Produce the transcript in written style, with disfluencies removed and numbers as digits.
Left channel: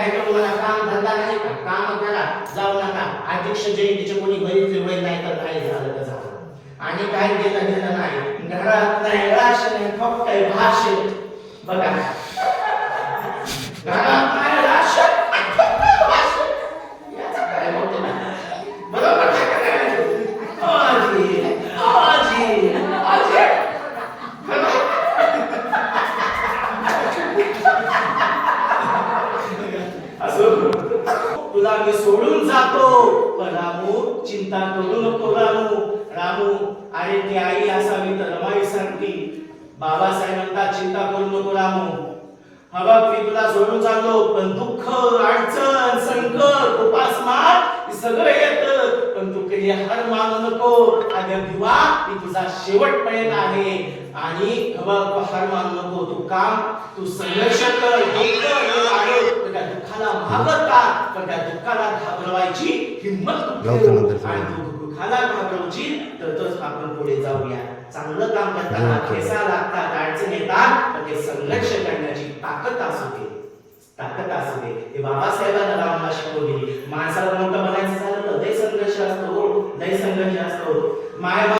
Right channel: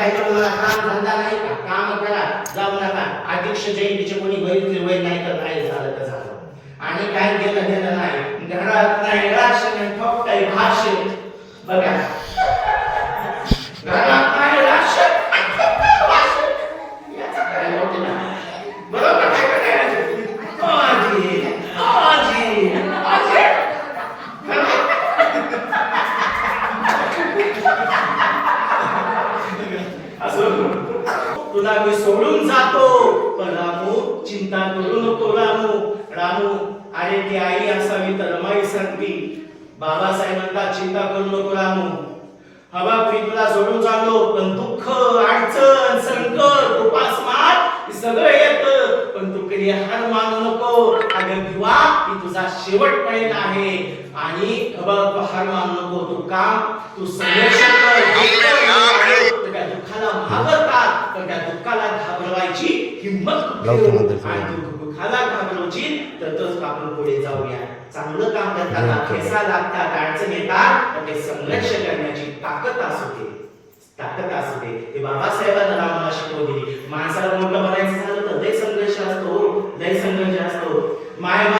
काय करू मला काम धंदा नाही का, काम करा, जाऊ नका. अध्यक्ष जयंतीचे कोणी गरीब फिरवायला नाही तर काय झालं तर झालं. आणि काय घेणं नाही, घरात नाही राशन, फक्त भाषण. बघा घरात नाही राशन, काय होते ना बरोबर काय करायचं. आजी आजी आजी असं तुला मी सोडून जातो, पण रामू चिंता करू नको. रामू रामू अरे ती आई असावी तर रमाई सांगती. बाबासाहेब म्हणतात चिंता करू नको रामू. हवा मी तुला सोडून चाललो, पण दुःख अडचण संकट उपासमार सगळं येतं, पण तू कधी हार मानू नको. अगं दिवा ही तुझा शेवटपर्यंत आहे. आणि हवा तू हार मानू नको. तू काम तू संघर्ष कर. त्या दुःखाला मागता तर त्या दुःखाला घाबरवायची हिंमत आणि दुःखाला घाबरवायची तर आपण पुढे जाऊया. चांगलं काम करताना ठेसा लागतात, अडचण येतात, तर ते संघर्ष करण्याची ताकद असू दे. ते बाबासाहेबांना रामाला शिकवली. माणसाला मोठं बनायचं झालं तर लय संघर्ष असतो, लय संघर्ष असतो. माय